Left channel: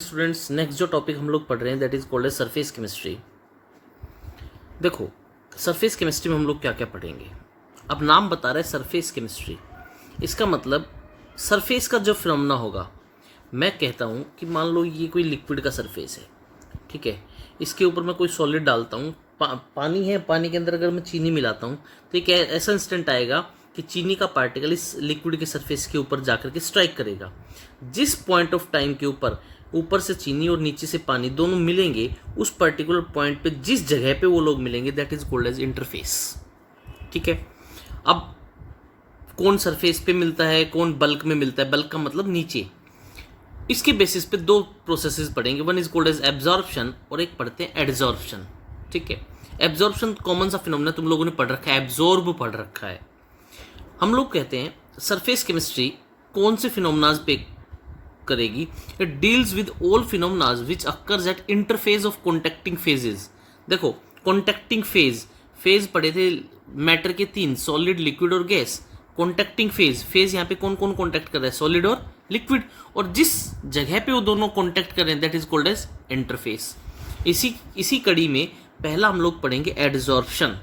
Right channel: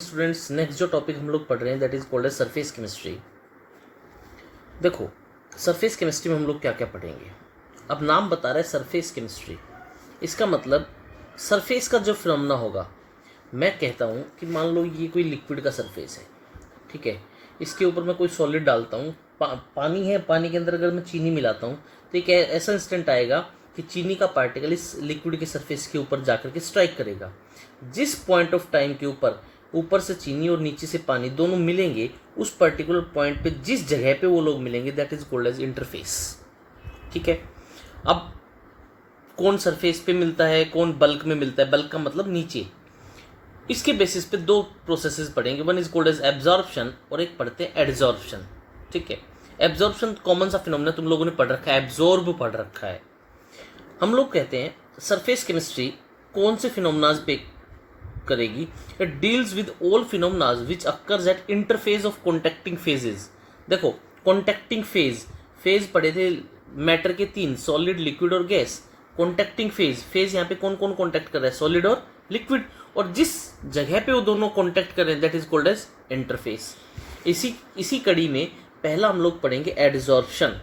Students, next जो topic हम लोग पढ़ रहे हैं that is called as surface chemistry. देखो, सरफेस केमिस्ट्री में हम लोग क्या क्या पढ़ेंगे। अब नाम बता रहे हैं सरफेस केमिस्ट्री, इसका मतलब सरफेस का जो फिनोमेना होगा। मैं कहता हूँ कि मान लो ये कोई लिक्विड का सरफेस है, ठीक है। इसके ऊपर मैं कोई सॉलिड डालता हूँ, पानी है, पानी के अंदर अगर मैं चीनी मिलाता हूँ तो एक ऐसा इंस्टेंट आएगा कि चीनी का पार्टिकल इस लिक्विड के सरफेस के ऊपर जाकर के स्ट्राइक करेगा। जिस पॉइंट ऑफ टाइम के ऊपर ऊपर से चीनी और नीचे से पानी दोनों मिलेंगे, उस पर्टिकुलर पॉइंट पे जिस जगह पे वो लोग मिलेंगे that is called as interface, ठीक है। अब कौन सरफेस पे मिलता है, कौन बल्क में मिलता है, बल्क का मतलब नीचे। इसके बेसिस पे दो प्रोसेसेस पढ़ेंगे, one is called as absorption और एक पढ़ते हैं एडजॉर्प्शन, ठीक है। एब्जॉर्प्शन कॉमन सा फिनोमेना तुम लोगों ने पढ़ रखा है, एब्जॉर्ब पढ़ रखा है। हम लोग कहते हैं सरफेस केमिस्ट्री कौन से फिनोमेनाज पे करेगी। It deals with all phenomenas which occurs at interface of contacting phases. देखो, कॉन्टेक्टिंग फेज पढ़े थे मैटर के तीन, सॉलिड, लिक्विड और गैस। कॉन्टेक्टिंग फेज यहाँ पे कौन कौन कॉन्टेक्ट कर रहा है, सॉलिड और लिक्विड, और जिस जगह पे वो दोनों कॉन्टेक्ट कर रहे हैं that is called as interface. इसी कड़ी में पहला हम लोग पढ़ेंगे एडजॉर्प्शन।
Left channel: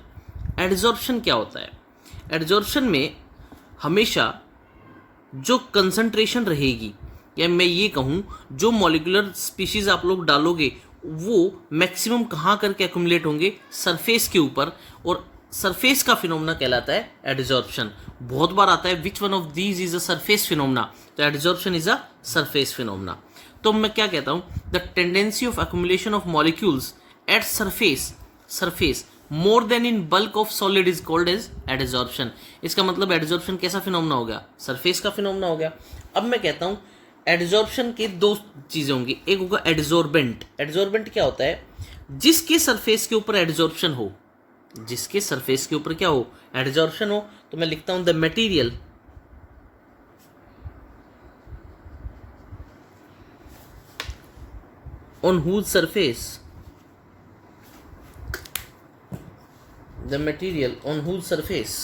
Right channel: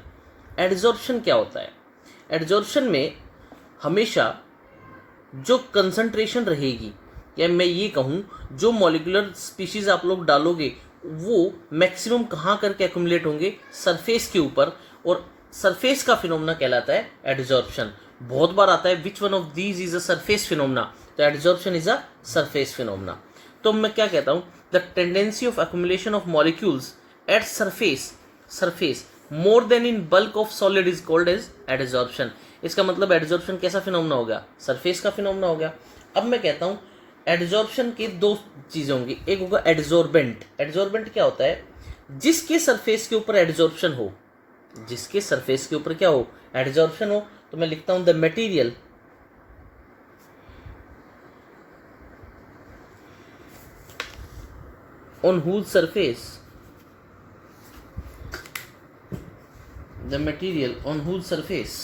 एडजॉर्प्शन क्या होता है? एडजॉर्प्शन में हमेशा जो कंसंट्रेशन रहेगी, या मैं ये कहूँ जो मॉलिक्यूलर स्पीशीज आप लोग डालोगे वो मैक्सिमम कहाँ करके एक्यूमुलेट होंगे, सरफेस के ऊपर, और सरफेस का फिनोमेना कहलाता है एडजॉर्प्शन। बहुत बार आता है which one of these is a surface phenomena, तो adsorption is a surface phenomena. तो मैं क्या कहता हूँ, the tendency of accumulation of molecules at surface more than in bulk of solid is called as adsorption. इसका मतलब adsorption कैसा phenomena हो गया, सरफेस का फिनोमेना हो गया। अब मैं कहता हूँ एडजॉर्प्शन के दो चीजें होंगी, एक होगा एडजॉर्बेंट। एडजॉर्बेंट क्या होता है? जिसके सरफेस के ऊपर एडजॉर्प्शन हो, जिसके सरफेस के ऊपर क्या हो, एडजॉर्प्शन हो। तो मैं लिखता हूं the material on whose surface, the material on whose surface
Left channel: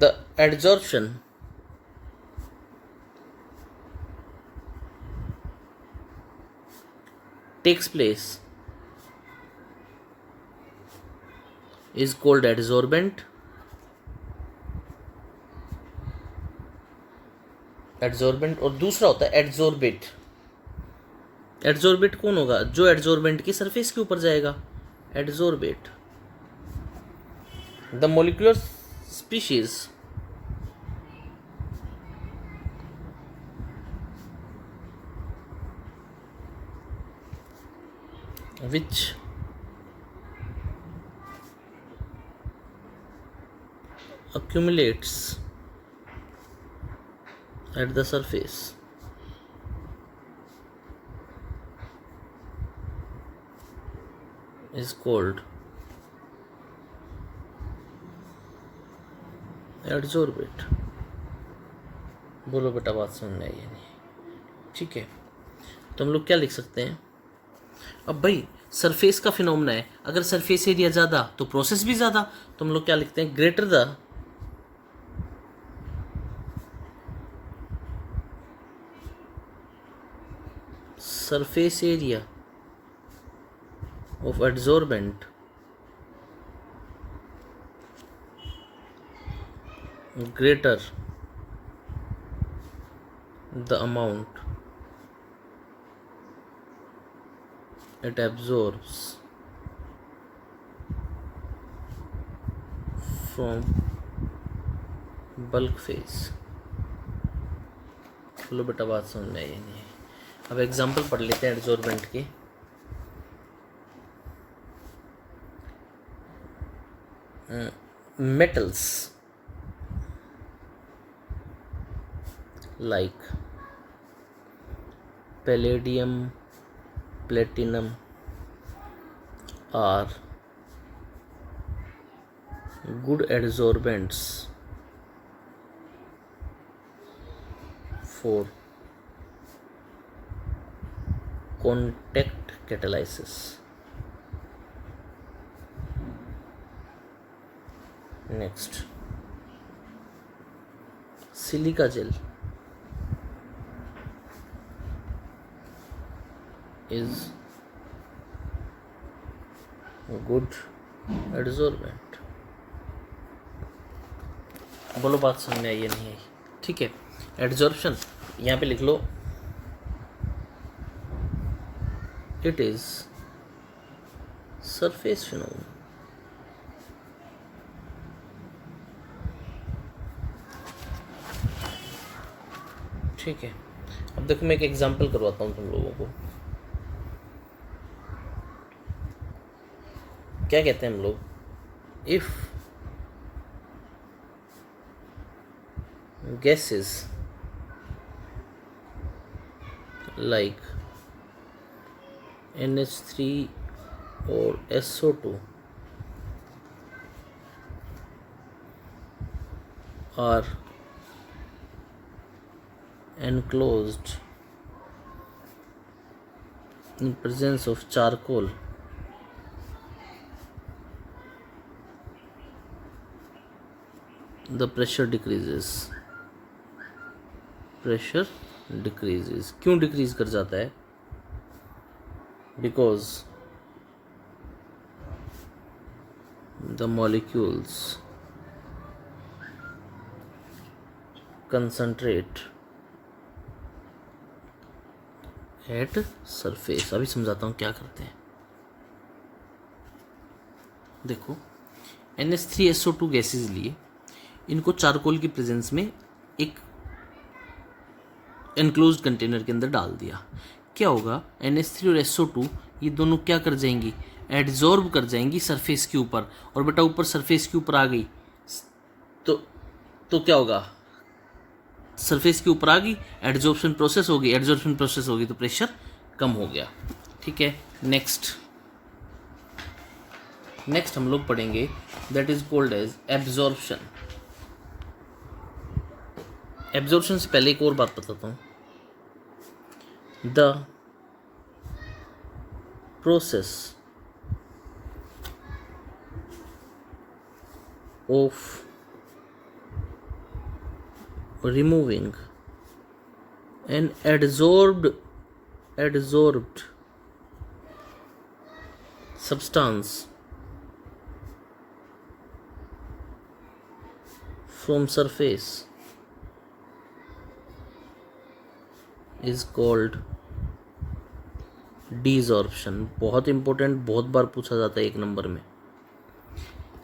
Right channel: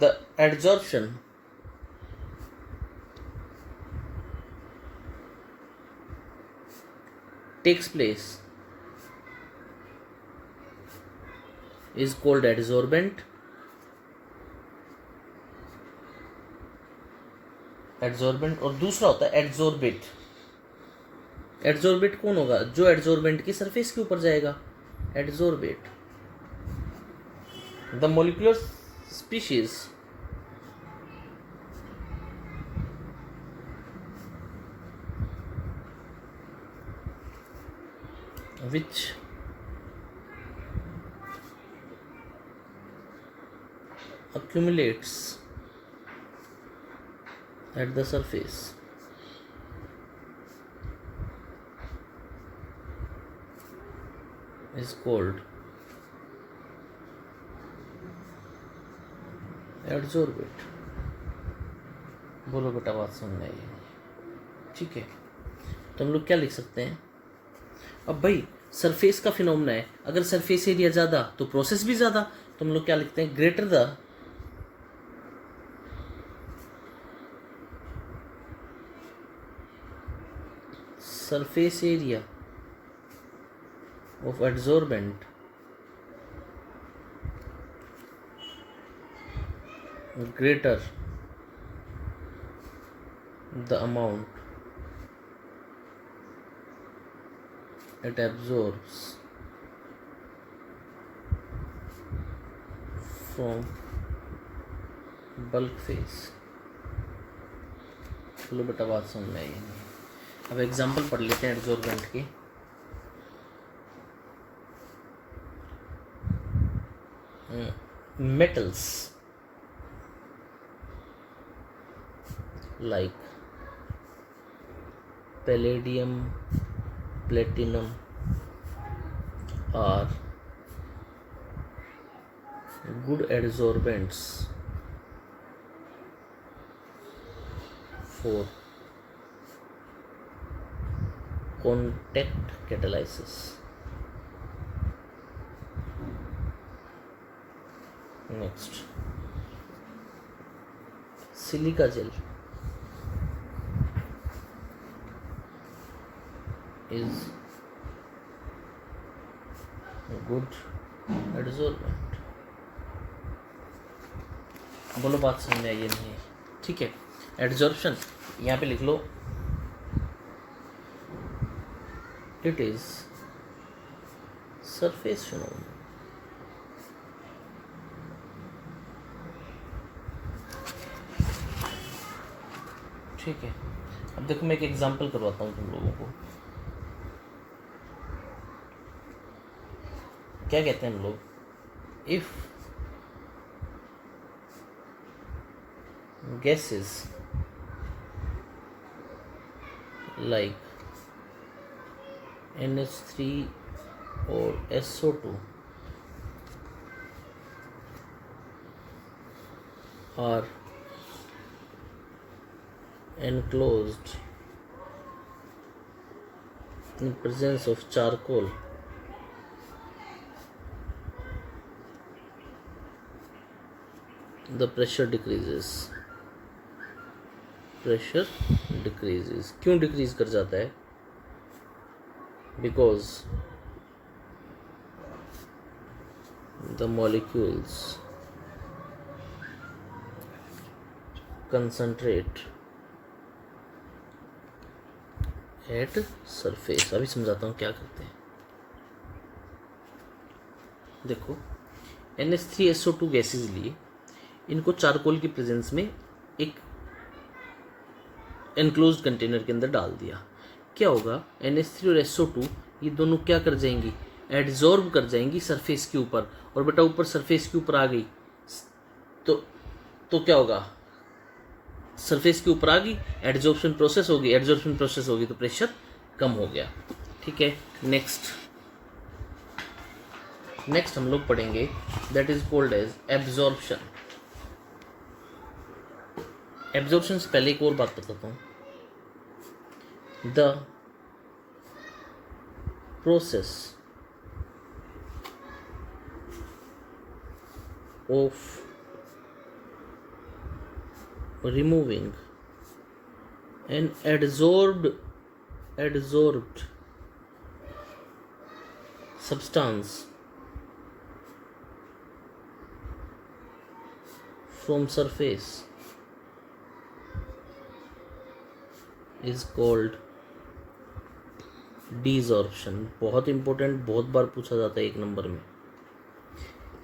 the adsorption takes place is called adsorbent। Adsorbent, और दूसरा होता है एडजॉर्बेट। एडजॉर्बेट कौन होगा? जो एडजॉर्बेंट की सरफेस के ऊपर जाएगा, adsorbate. The molecular species which accumulates at the surface is called adsorbate। बोलो बेटा, बात समझ में आई है नहीं? ठीक है, तो हम लोग क्या लिख सकते हैं? अब भाई सरफेस का फिनोमेना है, अगर सरफेस एरिया ज़्यादा तो प्रोसेस भी ज़्यादा, तो हम लोग क्या लिखते हैं? Greater the surface area of adsorbent greater the amount it absorbs from bulk phase। चलो बेटा, बात समझ में आई नहीं है? अब एग्जांपल पढ़ लेते हैं एडजॉर्बेंट के। Metals like palladium, platinum are good adsorbents for contact catalysis। Next silica gel is good adsorbent. बोलो बात समझ में आई या नहीं आई? ठीक है, एडजॉर्प्शन यहाँ पे लिख लो, इट इज सरफेस फिनोमेना। ठीक है, अब देखो मैं एक एग्जांपल करवाता हूँ तुम लोगों को। क्या कहते हैं हम लोग, if gases like NH3 or SO2 are enclosed in presence of charcoal, the pressure decreases। Pressure decreases, क्यों डिक्रीज कर जाता है? Because the molecules concentrate at surface. अभी समझाता हूँ क्या करते हैं। देखो NH3SO2 गैसेज लिए, इनको चारकोल की प्रेजेंस में एक एनक्लोज्ड कंटेनर के अंदर डाल दिया। क्या होगा, NH3 और SO2 ये दोनों क्या कर जाएंगी, एडजॉर्ब कर जाएंगी सरफेस के ऊपर। और बेटा ऊपर सरफेस के ऊपर आ गई तो क्या होगा, सरफेस के ऊपर आ गई, एडजॉर्प्शन प्रोसेस होगी, एडजॉर्प्शन प्रोसेस होगी तो प्रेशर कम हो गया। ठीक है, नेक्स्ट हम लोग पढ़ेंगे that is called as absorption. Absorption से पहले एक और बात बताता हूँ। The process of removing an adsorbed substance from surface is called desorption। बहुत इंपॉर्टेंट, बहुत बार पूछा जाता है 1 नंबर में।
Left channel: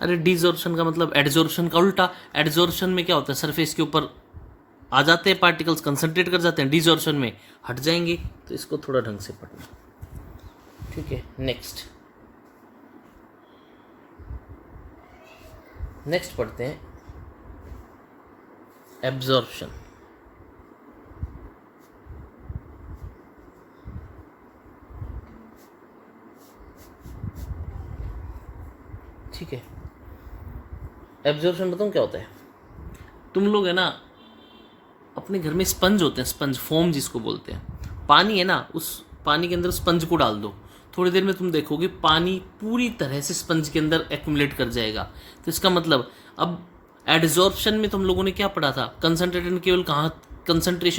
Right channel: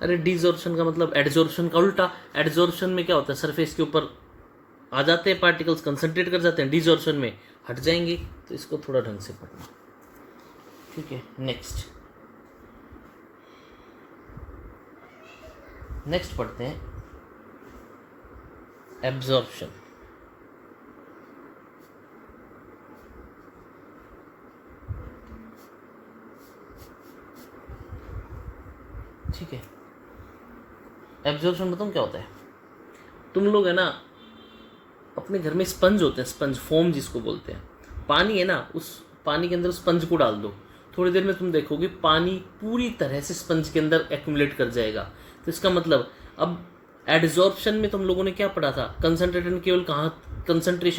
अरे डिसॉर्प्शन का मतलब एडजॉर्प्शन का उल्टा। एडजॉर्प्शन में क्या होता है, सरफेस के ऊपर आ जाते हैं पार्टिकल्स, कंसंट्रेट कर जाते हैं, डिसॉर्प्शन में हट जाएंगे। तो इसको थोड़ा ढंग से पढ़ना। ठीक है, नेक्स्ट पढ़ते हैं एब्जॉर्प्शन। ठीक है, एब्जॉर्प्शन बताऊँ क्या होता है। तुम लोग है ना अपने घर में स्पंज होते हैं, स्पंज फोम जिसको बोलते हैं, पानी है ना, उस पानी के अंदर स्पंज को डाल दो, थोड़ी देर में तुम देखोगे पानी पूरी तरह से स्पंज के अंदर एक्यूमुलेट कर जाएगा। तो इसका मतलब अब एडजॉर्प्शन में तुम लोगों ने क्या पढ़ा था, कंसंट्रेशन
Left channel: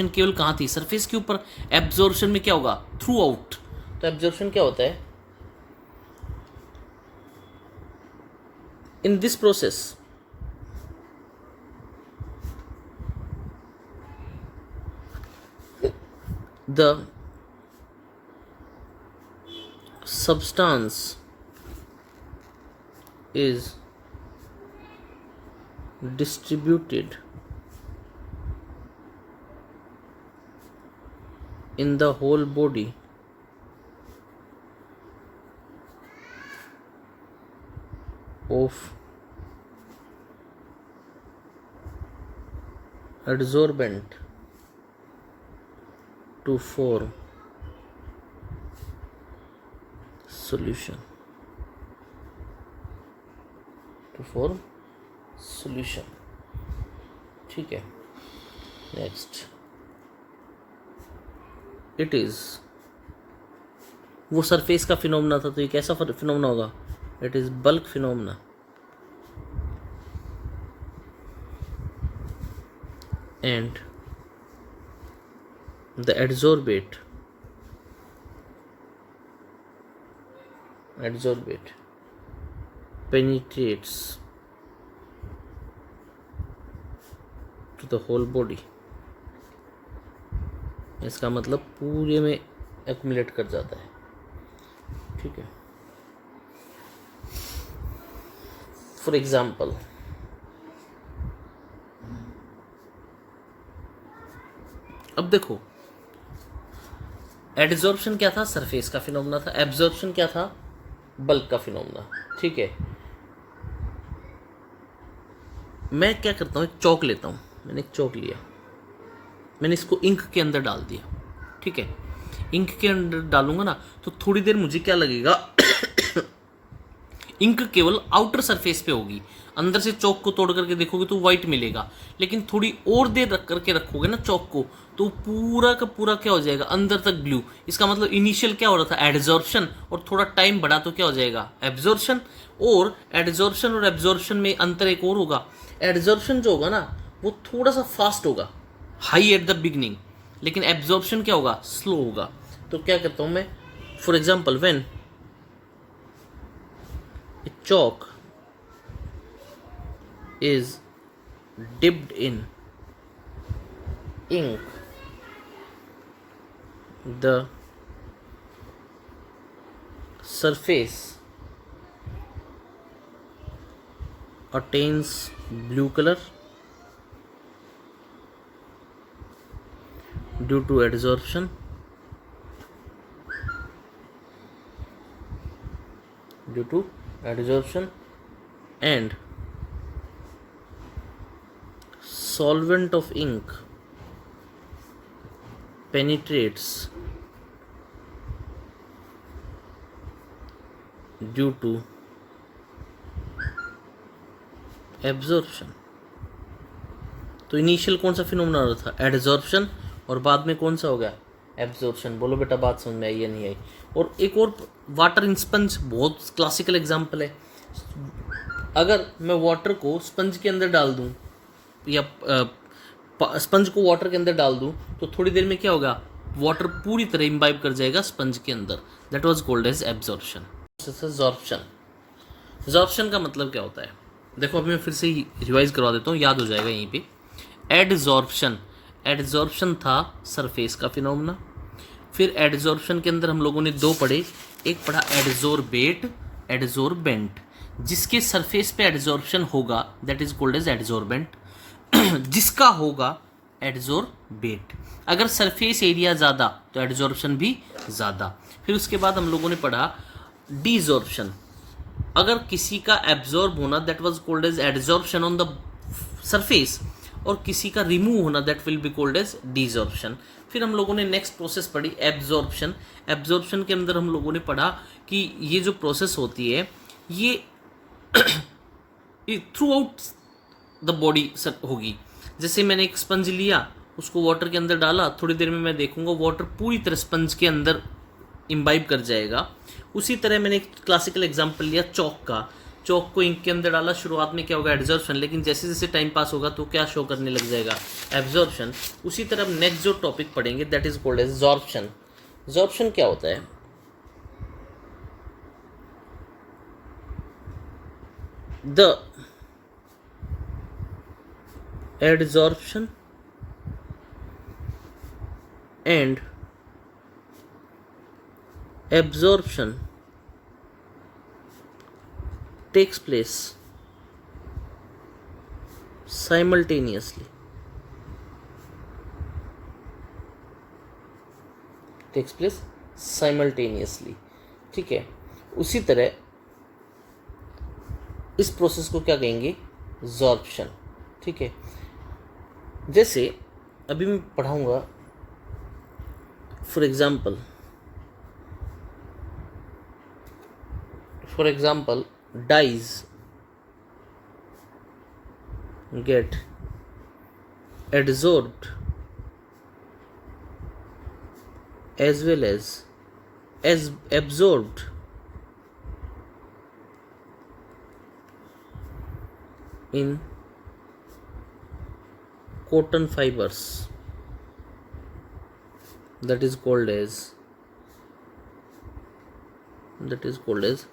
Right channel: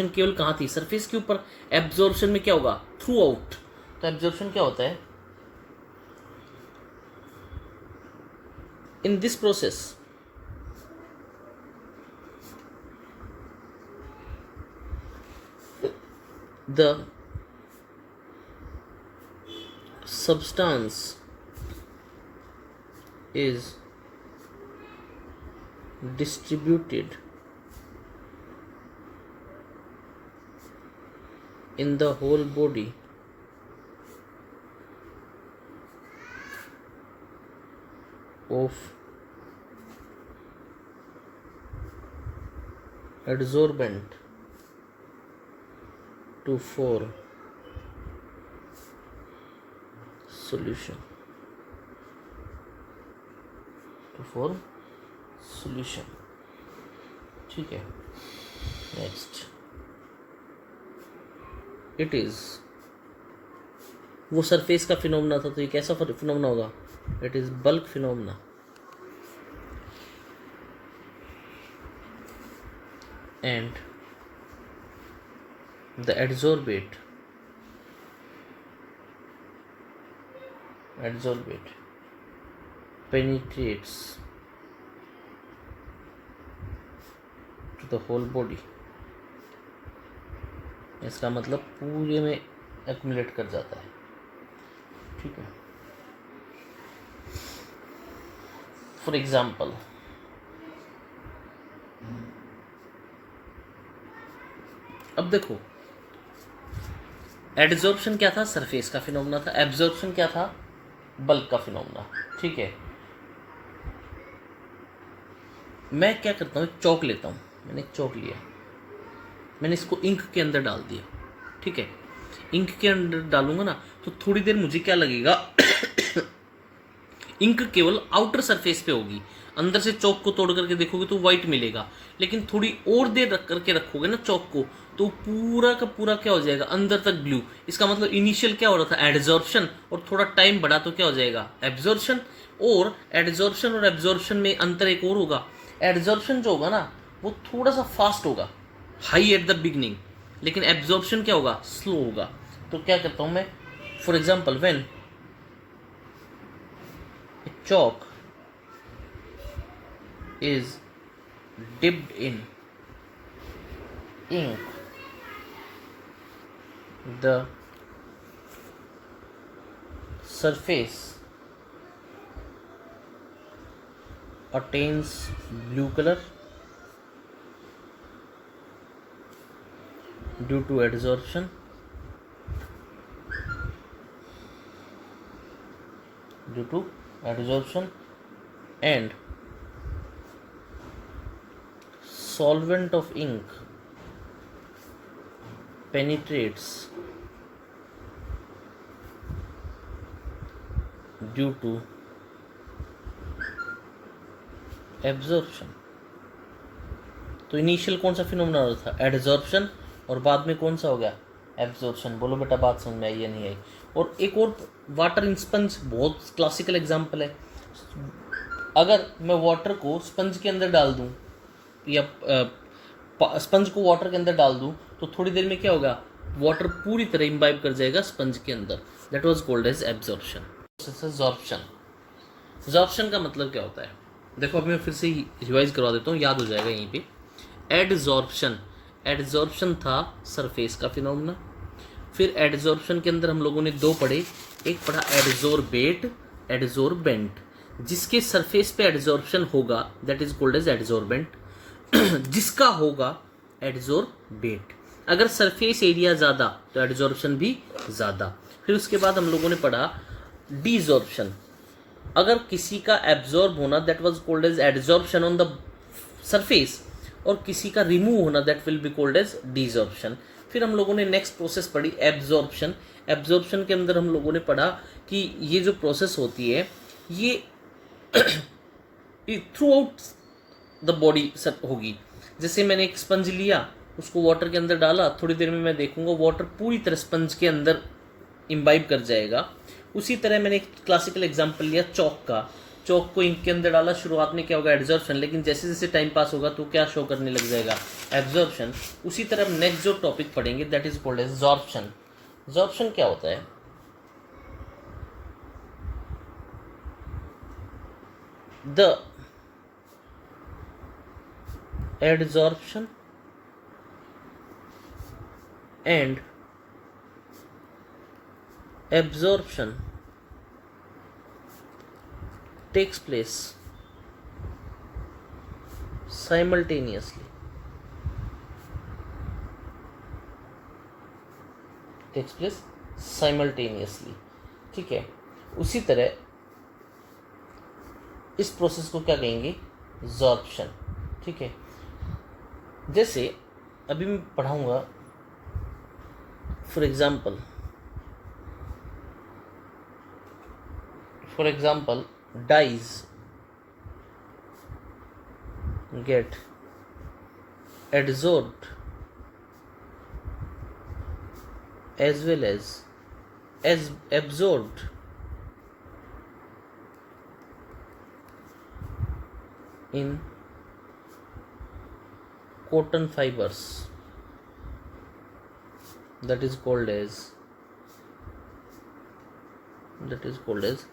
केवल कहाँ थी, सरफेस के ऊपर। एब्जॉर्प्शन में क्या होगा, थ्रू आउट। तो एब्जॉर्प्शन क्या होता है, in this process the substance is distributed in the whole body of adsorbent to form solution, ठीक है, नेक्स्ट इट इज, वो सरफेस का फिनोमेना था, तो ये कैसा फिनोमेना होगा, it is bulk phenomena. and the adsorbate penetrates to the whole body। इसका मतलब पूरे में एक्यूमुलेट कर जाता है, ठीक है। फॉर एग्जाम्पल, अब देखो एडजॉर्प्शन क्या था, सरफेस का फिनोमेना था। एब्जॉर्प्शन क्या था, बल्क का फिनोमेना, ठीक है। मैं क्या करता हूँ, एक चौक लेता हूँ। मैंने एक चौक लिया, मैंने इसको इंक के अंदर डाल दिया, ठीक है। इंक के अंदर डालूंगा ना तो थोड़ी देर मुझे क्या लगेगा इंक केवल आउटर सरफेस पे होगी, अंदर से चौक को तोड़ करके देखोगे तो वाइट मिलेगा। लेकिन थोड़ी और देर रख करके रखोगे ना चौक को, तो पूरा का पूरा क्या हो जाएगा, अंदर तक ब्लू। इसका मतलब इनिशियल क्या हो रहा था, एडजॉर्प्शन, और थोड़ा टाइम बढ़ा तो क्या हो जाएगा, एब्जॉर्प्शन। और एडजॉर्प्शन और एब्जॉर्प्शन में अंतर एक और होगा, एडजॉर्प्शन जो होगा ना वो थोड़ा सा फास्ट होगा, हाई एट द बिगनिंग, लेकिन एब्जॉर्प्शन क्या होगा, स्लो होगा। तो क्या करता हूं मैं, for example when a chalk is dipped in ink, the surface attains blue color due to adsorption, and solvent of ink penetrates due to absorption। तो इनिशियल कौन सा फिनोमेना हो रहा था, एडजॉर्प्शन, और बाद में कौन सा हो गया, एब्जॉर्प्शन। बोलो बेटा बात समझ में आई या नहीं आई। और एक और वाटर इन स्पंज बहुत क्लासिकल एग्जांपल है। अगर मैं वाटर को स्पंज के अंदर डाल दूं या स्पंज को वाटर के अंदर डाल दूं तो थोड़ी देर में क्या होगा, वाटर पूरी तरह इम्बाइब कर जाएगा स्पंज के अंदर। That was called as absorption. Absorption का मतलब क्या होता है, देखो अभी मैं फिर से रिवाइज करवा देता हूँ, याद हो जाएगा यहीं पे। एडजॉर्प्शन था सरफेस का फिनोमेना। फिर एडजॉर्प्शन के अंदर हम लोगों ने दो पढ़े, एक पढ़ा एडजोर्बेट, एडजोर्बेंट। जिसके सरफेस पे एडजॉर्प्शन होगा that is called as adsorbent, जिसका होगा एडजोर्बेट। अगर सरफेस एरिया ज़्यादा तो एडजॉर्प्शन भी ज़्यादा। फिर उसके बाद हम लोगों ने पढ़ा डीजॉर्प्शन। अगर किसी का एब्जॉर्ब होना that was called as adsorption on the surface, और किसी का रिमूव होना that will be called as desorption. फिर हम लोगों ने नेक्स्ट प्रोसेस पढ़ी एब्जॉर्प्शन। एब्जॉर्प्शन के अंदर हम लोगों ने पढ़ा कि ये जो प्रोसेस होती है ये थ्रू आउट द बॉडी होगी। जैसे मैंने एक स्पंज लिया, उसको वाटर के अंदर डाला, थोड़ी देर में मैं देखूंगा वाटर पूरी तरह स्पंज के अंदर इम्बाइब कर जाएगा। उसी तरह मैंने एक क्लासिकल एग्जांपल लिया चौक का। चौक को इंक के अंदर डाला, शुरुआत में क्या होगा, एब्जॉर्प्शन, लेकिन जैसे जैसे टाइम पास होगा तो क्या शो करने लग जाएगा, एब्जॉर्प्शन। उसी तरह नेक्स्ट जो टॉपिक पढ़ेंगे दैट इज कॉल्ड एज जॉर्प्शन। जॉर्प्शन क्या होता है, the adsorption and absorption takes place simultaneously, ठीक है। उसी तरह इस प्रोसेस को क्या कहेंगे, जॉर्प्शन, ठीक है। जैसे अभी मैं पढ़ाऊंगा, for example dyes get adsorbed as well as absorbed in cotton fibers, that is called as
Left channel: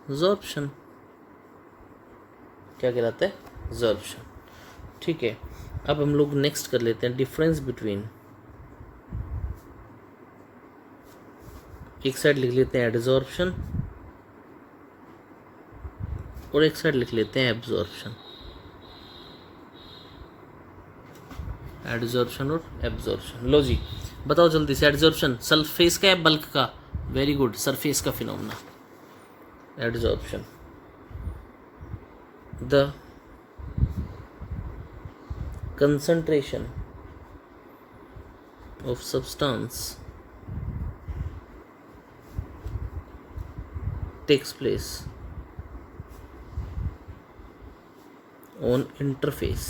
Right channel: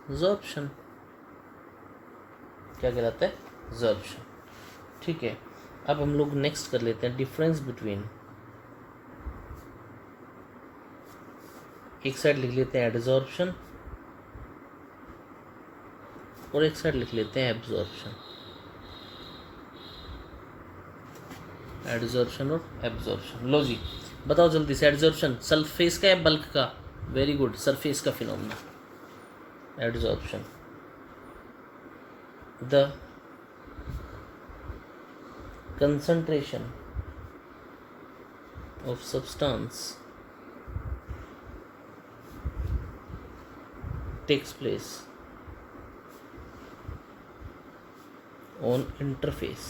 absorption. क्या कहलाता है? absorption. ठीक है, अब हम लोग नेक्स्ट कर लेते हैं डिफरेंस बिटवीन, एक साइड लिख लेते हैं एडजॉर्प्शन और एक साइड लिख लेते हैं एब्जॉर्प्शन. एडजॉर्प्शन और एब्जॉर्प्शन. लो जी बताओ जल्दी से, एडजॉर्प्शन सरफेस का या बल्क का? वेरी गुड, सरफेस का phenomena. Adsorption, the concentration of substance takes place on interface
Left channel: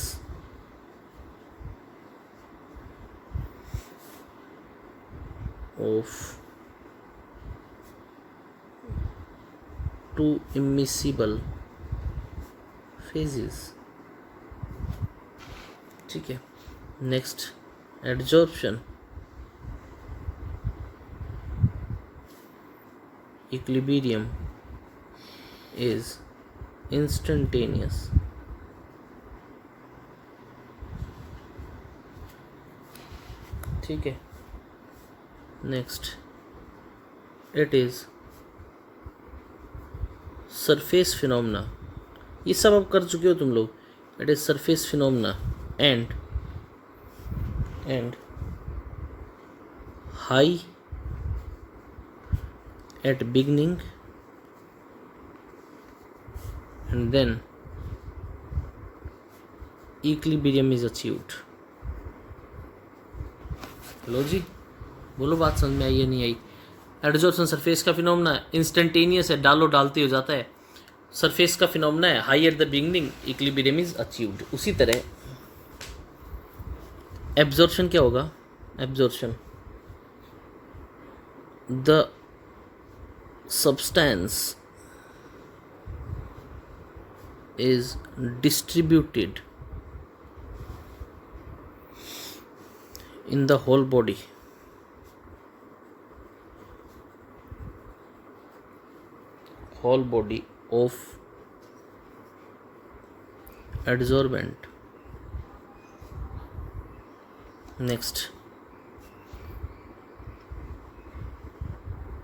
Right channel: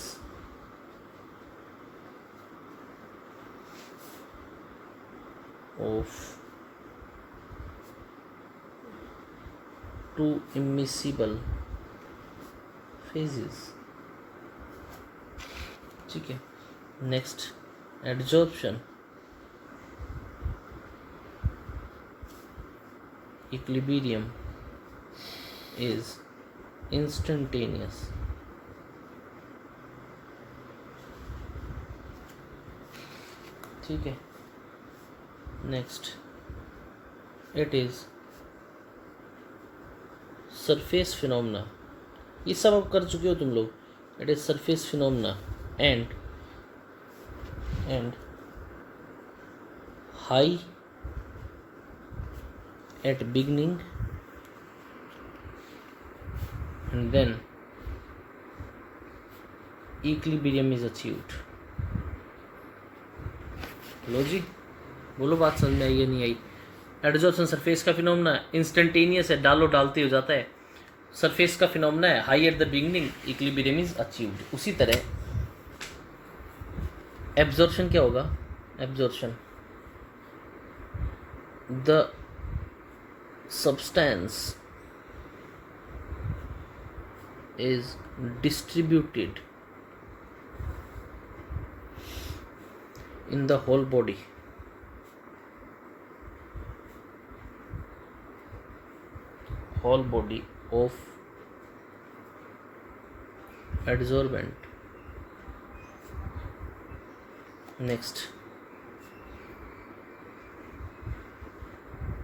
of two immiscible phases. ठीक है, next adsorption, equilibrium is instantaneous. ठीक है, next it is surface phenomena. ये सब अब कर चुके हो तुम लोग. It is surface phenomena and high at beginning and then equilibrium is achieved. लो जी बोलो, बात समझ में आई या नहीं आई? एडजॉर्प्शन सरफेस का फिनोमेना, इंस्टेंटेनियस है, डालो डालते हो जाता है. सरफेस का फिनोमेना है, high at the beginning, equilibrium is achieved. उसी तरह एब्जॉर्प्शन क्या होगा? Absorption, the substance is distributed in the whole body. Whole body of adsorbent. Next,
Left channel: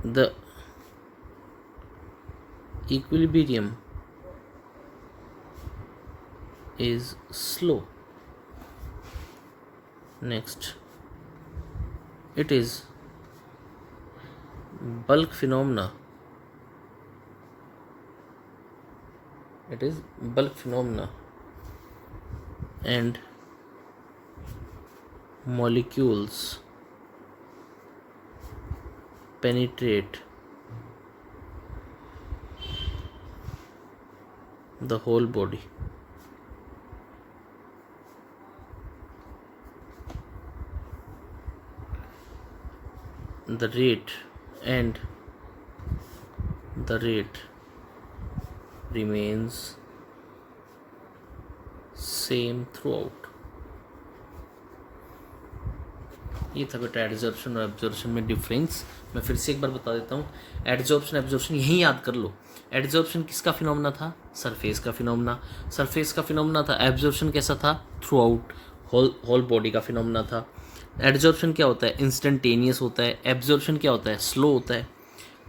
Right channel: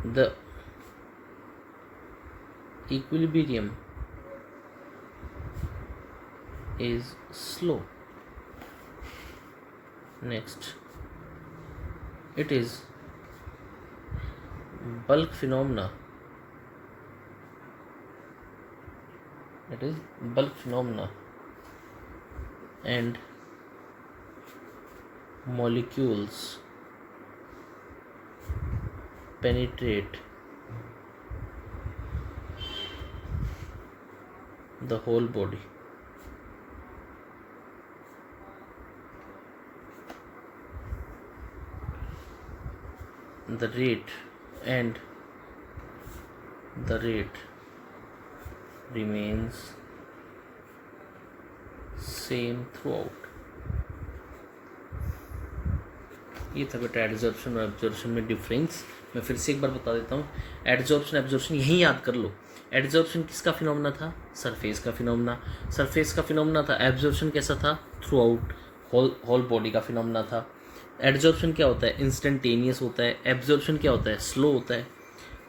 the equilibrium is slow. Next, it is bulk phenomena. It is bulk phenomena and molecules penetrate the whole body. The rate remains same throughout. ये था बेटा adsorption और absorption में difference. मैं फिर से एक बार बता देता हूँ. एडजॉर्प्शन एब्जॉर्प्शन यही याद कर लो. एडजॉर्प्शन किसका फिनोमेना था? सरफेस का फिनोमेना. सरफेस का फिनोमेना था. एब्जॉर्प्शन कैसा था? थ्रू आउट होल बॉडी का फिनोमेना था. एडजॉर्प्शन क्या होता है? इंस्टेंटेनियस होता है. एब्जॉर्प्शन क्या होता है? स्लो होता है.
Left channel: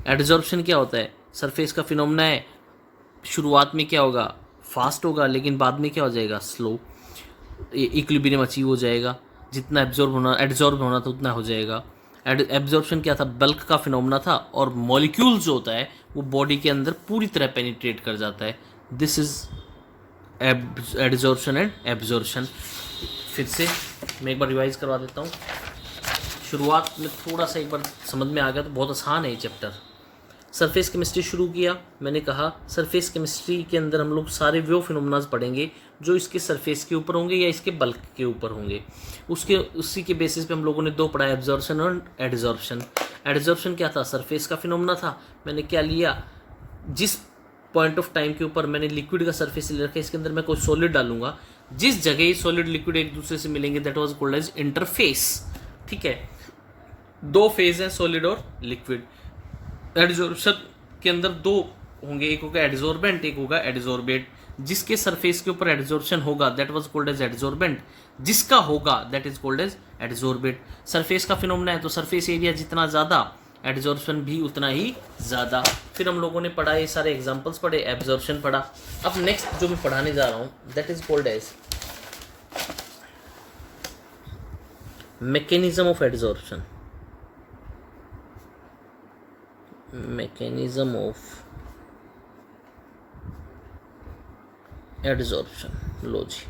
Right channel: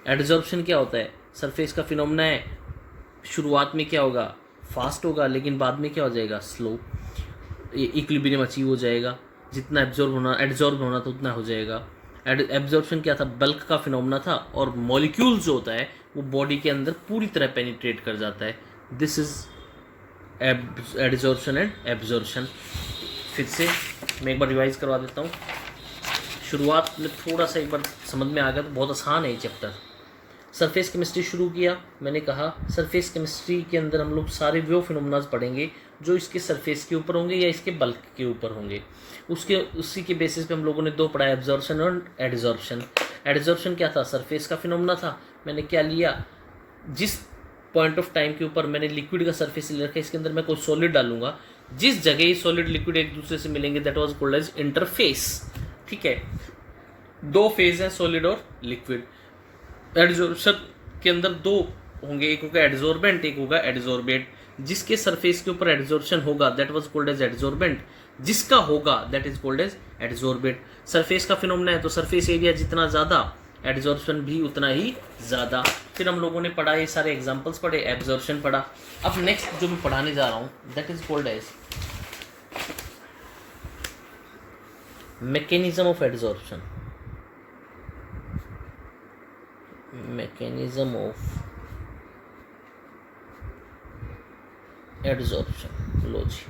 एडजॉर्प्शन क्या होता है? सरफेस का फिनोमेना है, शुरुआत में क्या होगा? फास्ट होगा, लेकिन बाद में क्या हो जाएगा? स्लो. इक्विलिब्रियम अचीव हो जाएगा. जितना एब्जॉर्ब होना था उतना हो जाएगा. एब्जॉर्प्शन क्या था? बल्क का फिनोमेना था और मॉलिक्यूल जो होता है वो बॉडी के अंदर पूरी तरह पेनिट्रेट कर जाता है. This is adsorption and absorption. फिर से मैं एक बार रिवाइज करवा देता हूँ. शुरुआत में थोड़ा सा एक बार समझ में आ गया तो बहुत आसान है ये चैप्टर. सरफेस केमिस्ट्री शुरू किया. मैंने कहा सरफेस केमिस्ट्री के अंदर हम लोग सारे वो फिनोमेनाज पढ़ेंगे जो इसके सरफेस के ऊपर होंगे या इसके बल्क के ऊपर होंगे. उसी के बेसिस पे हम लोगों ने दो पढ़ा, एब्जॉर्प्शन और एडजॉर्प्शन. एडजॉर्प्शन क्या था? सरफेस का फिनोमेना था. मैंने क्या लिया? जिस पॉइंट ऑफ टाइम के ऊपर मैंने लिक्विड का सरफेस ले रखा है, इसके अंदर मैं कोई सॉलिड डालूंगा जिस जगह ये सॉलिड लिक्विड एक दूसरे से मिलेंगे that was called as interface. ठीक है, दो फेज है सॉलिड और लिक्विड। एडजॉर्प्शन के अंदर दो होंगे, एक होगा एडजॉर्बेंट, एक होगा एडजॉर्बेट। जिसके सरफेस के ऊपर एडजॉर्प्शन होगा that was called as adsorbent, जिसका होगा that is called as adsorbate. Surface का फिनोमेना है तो सरफेस एरिया जितना ज्यादा एडजॉर्प्शन भी उतना ही ज्यादा। फिर हम लोगों ने पढ़ा, ये सारे एग्जांपल्स पढ़े, एब्जॉर्प्शन पढ़ा। अब नेक्स्ट जो मैं पढ़ाने जा रहा हूं that is called as mechanism of adsorption. Mechanism of adsorption. लो जी,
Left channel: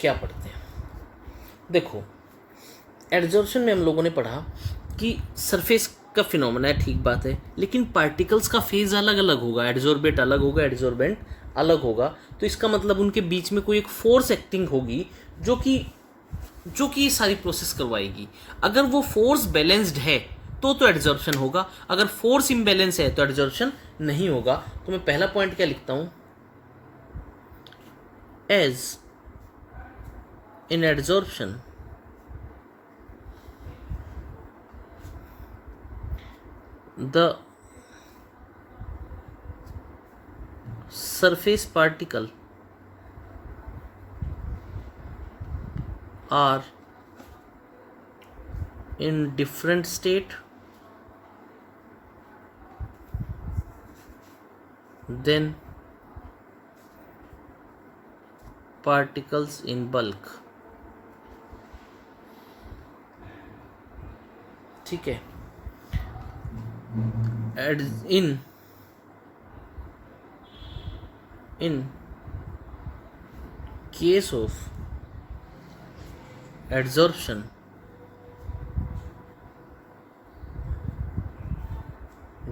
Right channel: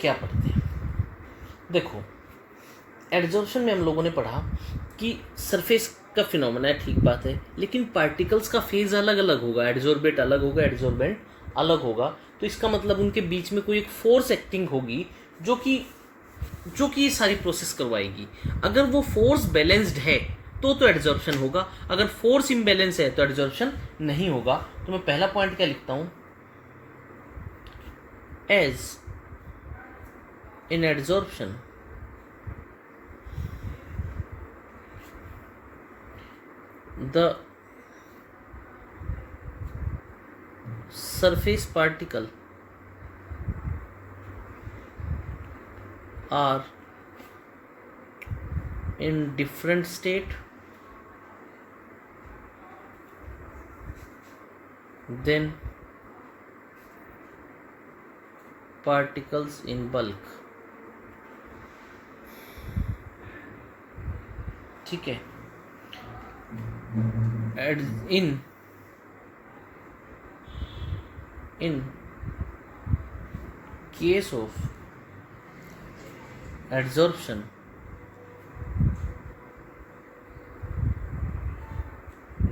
क्या पढ़ते हैं? देखो, एडजॉर्प्शन में हम लोगों ने पढ़ा कि सरफेस का फिनोमेना है, ठीक बात है, लेकिन पार्टिकल्स का फेज अलग अलग होगा, एडजॉर्बेट अलग होगा, एडजॉर्बेंट अलग होगा। तो इसका मतलब उनके बीच में कोई एक फोर्स एक्टिंग होगी जो कि सारी प्रोसेस करवाएगी। अगर वो फोर्स बैलेंस्ड है तो एडजॉर्प्शन होगा, अगर फोर्स इम्बैलेंस है तो एडजॉर्प्शन नहीं होगा। तो मैं पहला पॉइंट क्या लिखता हूं? As in adsorption the surface particle are in different state than particles in bulk। ठीक है, in case of adsorption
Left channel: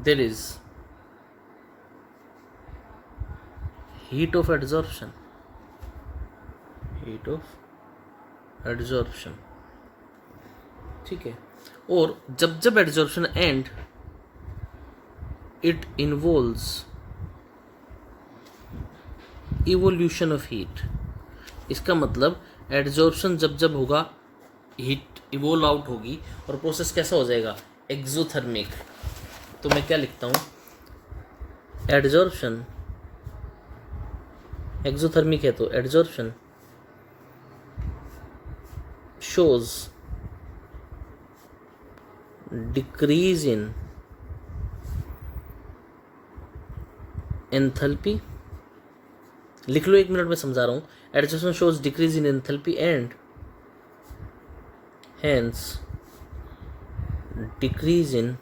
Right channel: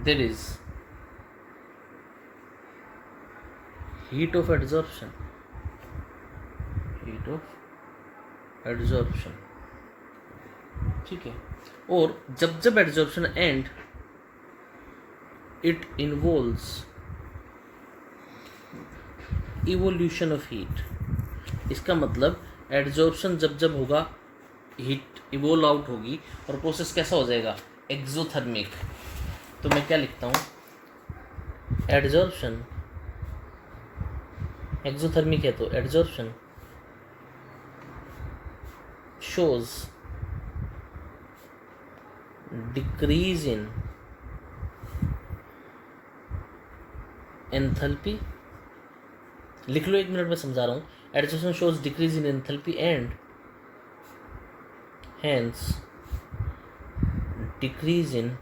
there is heat of adsorption। ठीक है, और जब adsorption and it involves evolution of heat. इसका मतलब एडजॉर्प्शन जब होगा, हीट इवोल्व आउट होगी और प्रोसेस कैसा हो जाएगा? एक्सोथर्मिक। तो मैं क्या लिखता हूँ? एडजॉर्प्शन, एक्सोथर्मिक है तो adsorption shows decrease in enthalpy। लिख लो, 1 मिनट में समझा रहा हूं। Adsorption shows decrease in enthalpy and hence decrease in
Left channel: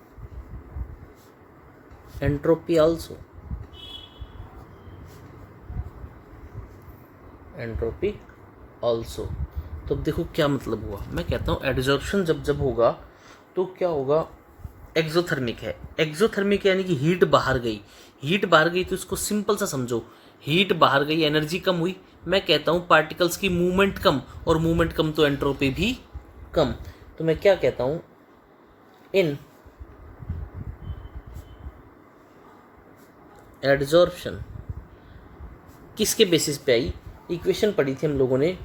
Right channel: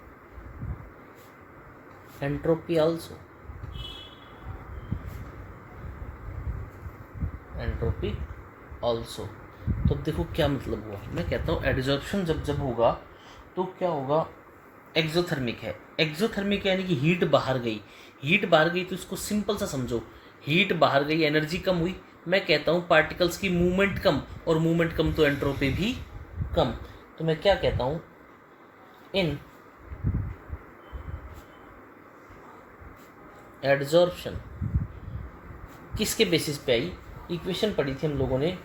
entropy also। Entropy also. तो अब देखो क्या मतलब हुआ। मैं कहता हूँ एडजॉर्प्शन जब होगा तो क्या होगा? एक्सोथर्मिक है। एक्सोथर्मिक यानी कि हीट बाहर गई। हीट बाहर गई तो इसको सिंपल सा समझो, हीट बाहर गई, एनर्जी कम हुई। मैं कहता हूँ पार्टिकल्स की मूवमेंट कम, और मूवमेंट कम तो एंट्रोपी भी कम। तो मैं क्या कहता हूँ? इन एडजॉर्प्शन किसके बेसिस पे आई? इक्वेशन पढ़ी थी हम लोगों ने,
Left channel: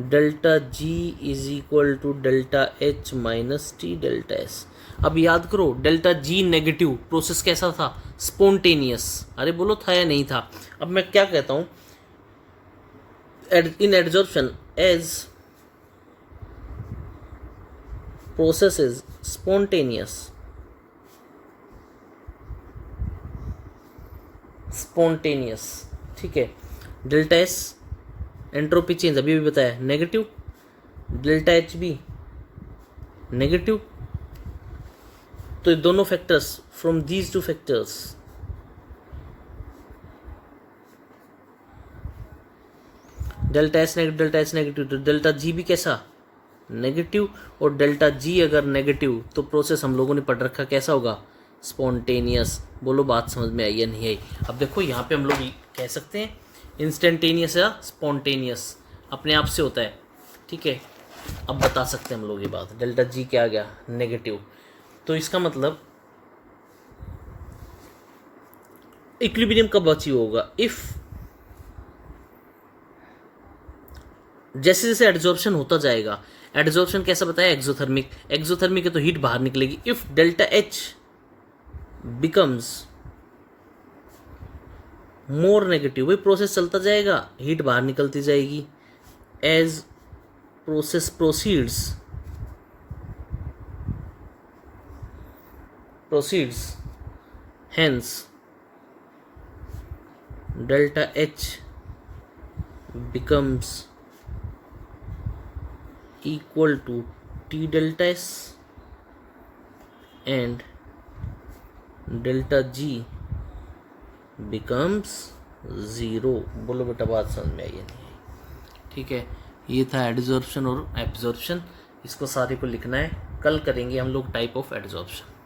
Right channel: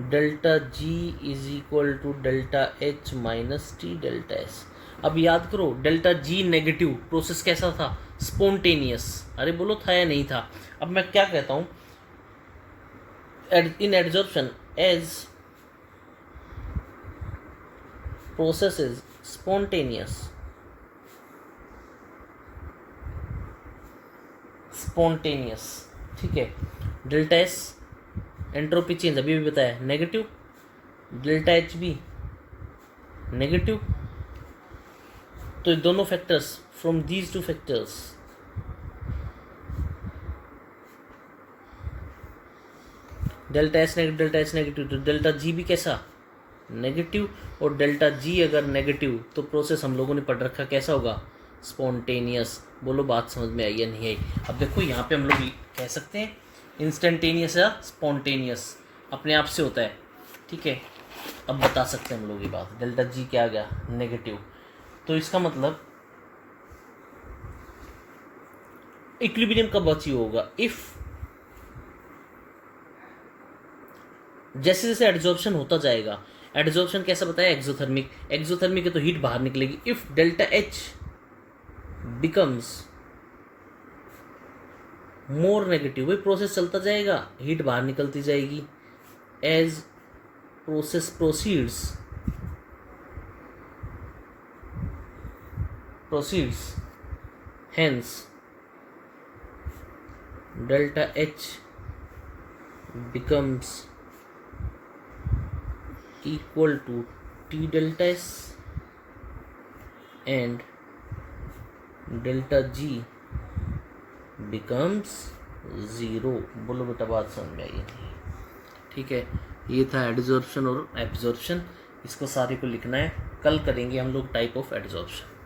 delta G is equal to delta H minus T delta S. अब याद करो, डेल्टा जी नेगेटिव, प्रोसेस कैसा था? स्पॉन्टेनियस। अरे बोलो, था या नहीं था? अब मैं क्या कहता हूं? In adsorption as process is spontaneous. ठीक है, डेल्टा एस एंट्रोपी चेंज अभी भी बताया नेगेटिव, डेल्टा एच भी नेगेटिव। तो दोनों factors, from these two factors delta H negative, तो डेल्टा जी भी कैसा? नेगेटिव। और डेल्टा जी अगर नेगेटिव तो प्रोसेस हम लोगों ने पढ़ रखा कैसा होगा? स्पॉन्टेनियस। बोलो बात समझ में आई या नहीं आई? अब देखो यहाँ पे हम लोग कह सकते हैं इंस्टेंटेनियस या स्पॉन्टेनियस, अपने आप से होता है। ठीक है, अब बता सकते हैं हम लोग ये बात। डेल्टा जी क्या आ गया? नेगेटिव। तो इसका मतलब इक्विलिब्रियम कब अचीव होगा? इफ जैसे जैसे एड्जॉर्प्शन होता जाएगा, एड्जॉर्प्शन कैसा बताया, एक्सोथर्मिक, एक्सोथर्मिक है तो हीट बाहर निकलेगी। If delta H becomes more negative, वही प्रोसेस चलता जाएगा, हीट बाहर निकलती जाएगी। As process proceeds hence delta H becomes equal to T delta S and delta G becomes 0। बोलो बेटा बात समझ में आई है नहीं? ठीक है, ये था एडजॉर्प्शन और एब्जॉर्प्शन। इसको सारे को लिखना है, कल करेंगे हम लोग टाइप ऑफ एडजॉर्प्शन।